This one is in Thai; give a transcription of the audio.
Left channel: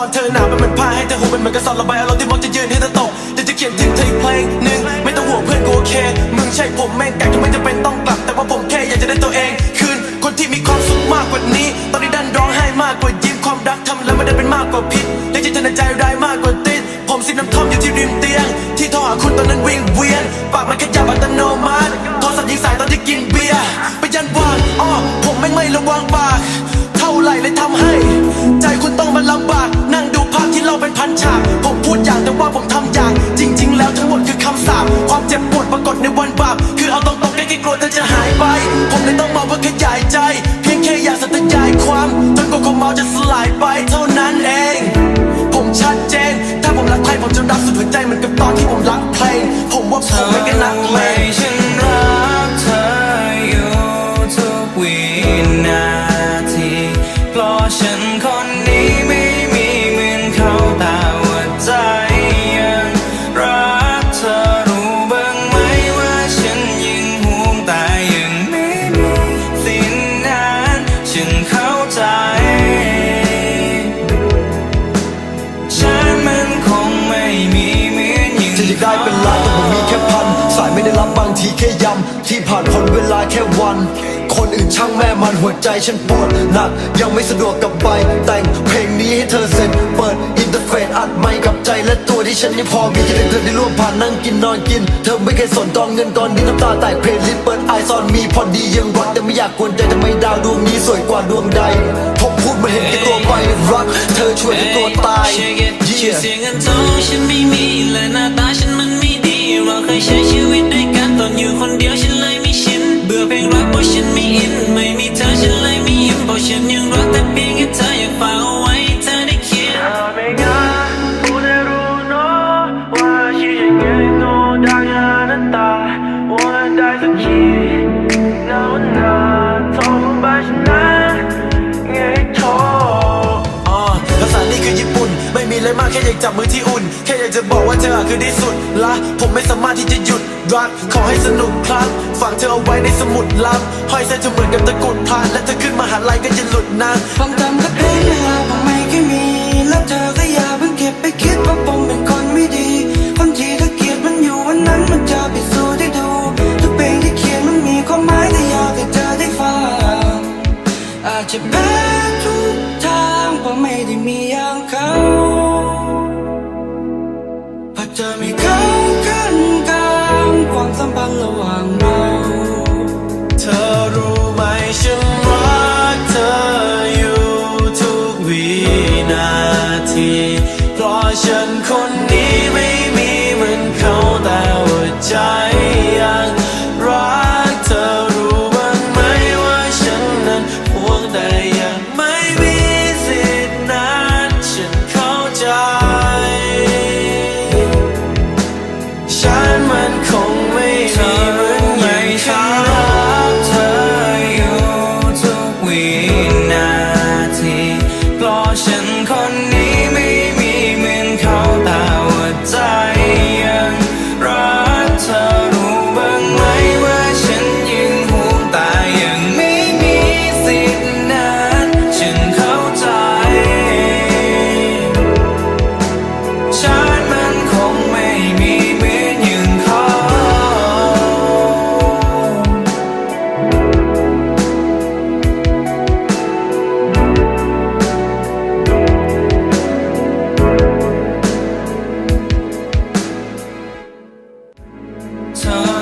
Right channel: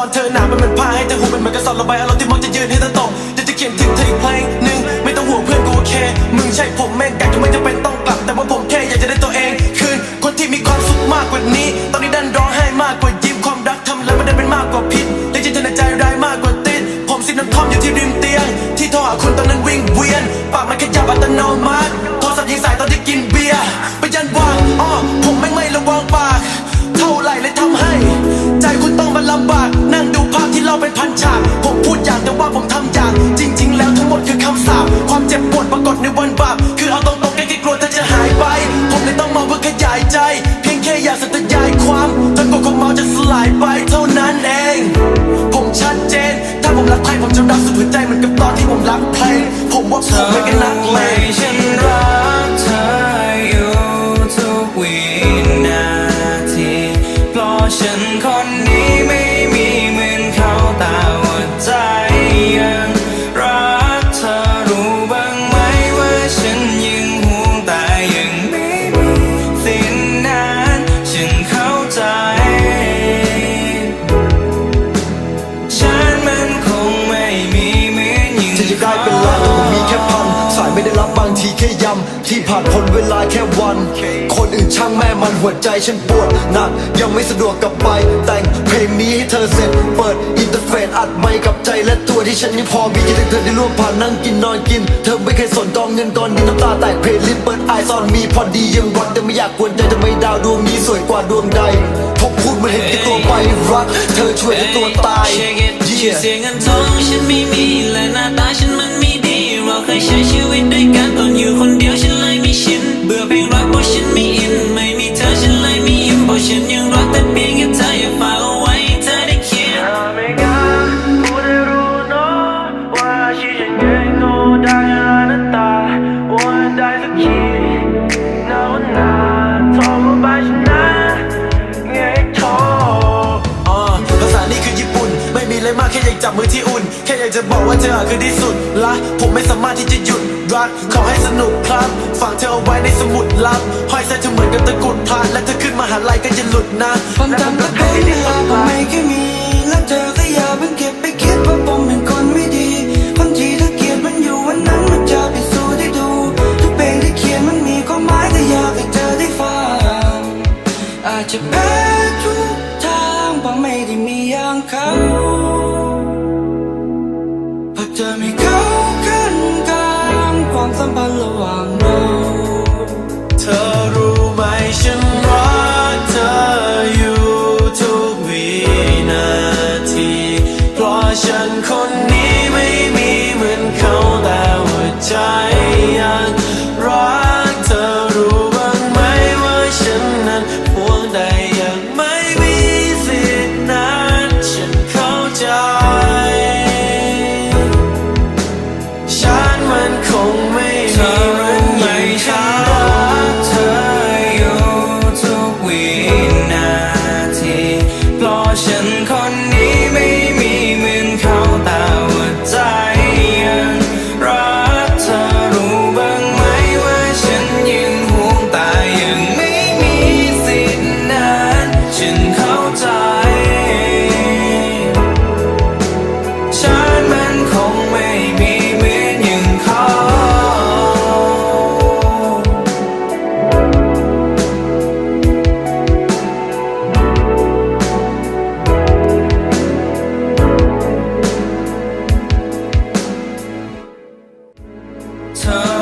ตอนเธอหนาวเป็นเหมือนผ้าให้เธอหูเป็นเหมือนกระสอบระบายอารมณ์ที่มักจะยืนให้เธอตกเดี๋ยวจะเขียนถึงเธออีกเพลงหนึ่งไม่ต้องห่วงเพื่อนกูโอเค มึงใช่ผมแม่งก่ก็ไม่จำเป็นต้องกลับ แต่ว่าผมแค่อยากจะได้ตัวเอง คืน คนที่มีความสุขมากกว่านี้ ตอนนี้ดันร้องไห้มากกว่ายิ้มความรักทำแล้วไม่ได้เป็นมากกว่าพิษเรียกจิตเธอในใจร้ายมากกว่าติดผมซิบน้ำท่อมอยู่ที่ริมเตียง ที่โทรหาคุณตอนนั้นวิ่งเวียนปากมันขยับอัตโนมัติโทรศัพท์ยิงสายตอนที่กินเบียร์ไปยันวางอ้อผมแม่งไม่ระวังปาก เท่าไหร่เลยทำให้ ใจคุณต้องมาลำบาก เราเป็นพันฉาก ผมพูดอย่างแต่ว่าผมทำอย่าง จริง ๆ แล้วทั้งหมดคือคำสาปความเจ็บปวดปรากฏในวันบาปคือเอาตรงๆแค่กลัวเธอจะหายไป ผมเลยต้องมาเพื่อขยายใจ เพียงแค่อยากสัตยายความจนกว่าความเมาจะสลายไปเท่านั้นเอง ผมชัดเจน ถ้าผมรักใครผมจะรักสุดหัวใจเหมือนกับตอนที่ผมรักเพลง ผมว่าผมไม่กันนักเลไม่งฉันรักเธออยู่ทุกวินาทีเพราะฉันคน ไม่มีเหมือนอย่างจะอยากได้เป็นรักต้อง ทีแค่ย้ำที่ผ่านพ้นเวลาแค่วัน คนอื่นช่างแม่มันหัวใจฉันปวดหนัก ยังไม่สะดวกกลับไป แต่งเพลงนี้ให้เธอเสร็จ เปิดอินเทอร์เฟซอัดไม่กับใจและตัวที่ฉันยังพอมีคิดถึงเธอที่ร่วมผ่านนั่งกินนอนกิน เธอไม่เคยสนกองเงินกองดินน้ำตาแตกเพลงลิสต์เปิดไอซอนมีพอดียังรักแต่ไม่อยากกวนใจทำไมดาวดวงนี้สวยกว่าดวงใดพบพูดมันเห็นแก่ตัวไปรัก เธอช่วยแต่ตัวตายเช็ค it ชื่อเสียงเงินทองฉันไม่มีและหน้าตาฉันมันไม่ดีเราเคยใช้ชี นี่คือญี่ปุ่น ไม่มีอะไรมากแค่อยากจับมือที่อุ่น แค่อยากจะบอกว่าเธอคือที่สุดละผมไม่สามารถที่จะหยุดรักขอให้สนุกครับฝากเธอเอาไว้ในสมุดลับห้อยใส่เธอเหมือนกับตะกุดพลาดและเธอขึ้นมาหาลัยก็จะหลุดนะความจำและเป็นเวลาผมไม่เคยมี และเธอก็อย่าเพิ่งเก็บไปคิดว่าผมเป็นคนไม่ดี คนที่เธอเกลียดมันอยู่วันนั้นมันจะพิสูจน์ให้ดู ทุกเพลงที่เขียนมันมีความหมายก็อยากให้เธอได้ฟังอาจจะแพ้ทุก ทางเพราะไม่ได้มีอย่างเขาพราะเธอไม่เขาขั้นกลางความสัมพันธ์ระหว่างเรา เธอรู้ไหมฉันรักเธออยู่ทุกวินาที เพราะฉันคนนี้ไม่มีเหมือนเขาแต่ว่าใจยังรักเธอรู้บ้างไหมว่าฉันนั้นหวงแต่ยังไม่ 터